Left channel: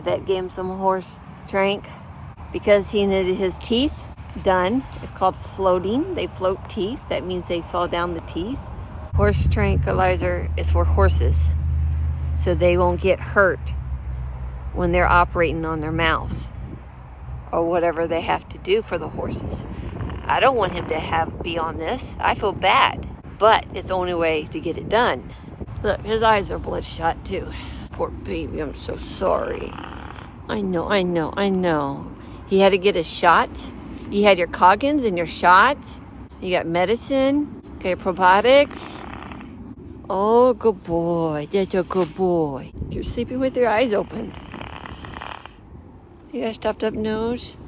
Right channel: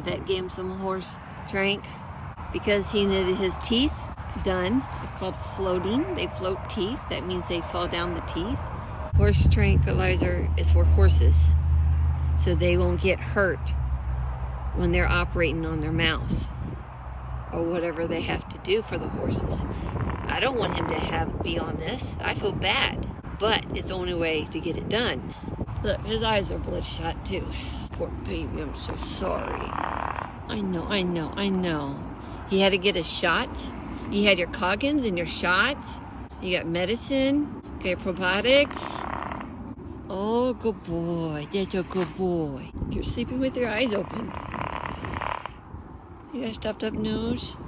The vet gave him some horse trank because he needed his teeth done. It's called floating. They float teeth. That means they saw down the teeth. Horse tranquilizer is for horses, so they won't get hurt when they're operating on their mouths or whatever they have to do for the horses. I don't want him to be on this. I feel bad, but it's the only way to get it done. Look, his eyes are bloodshot too. Poor baby, I'm so sorry. I know. He had to get a shot. You had your Coggins and your shots. You got medicine. Okay, probiotics. Oh, good boy. That's a good boy. You're sleeping with your eyes open. You got a stuffed up nose.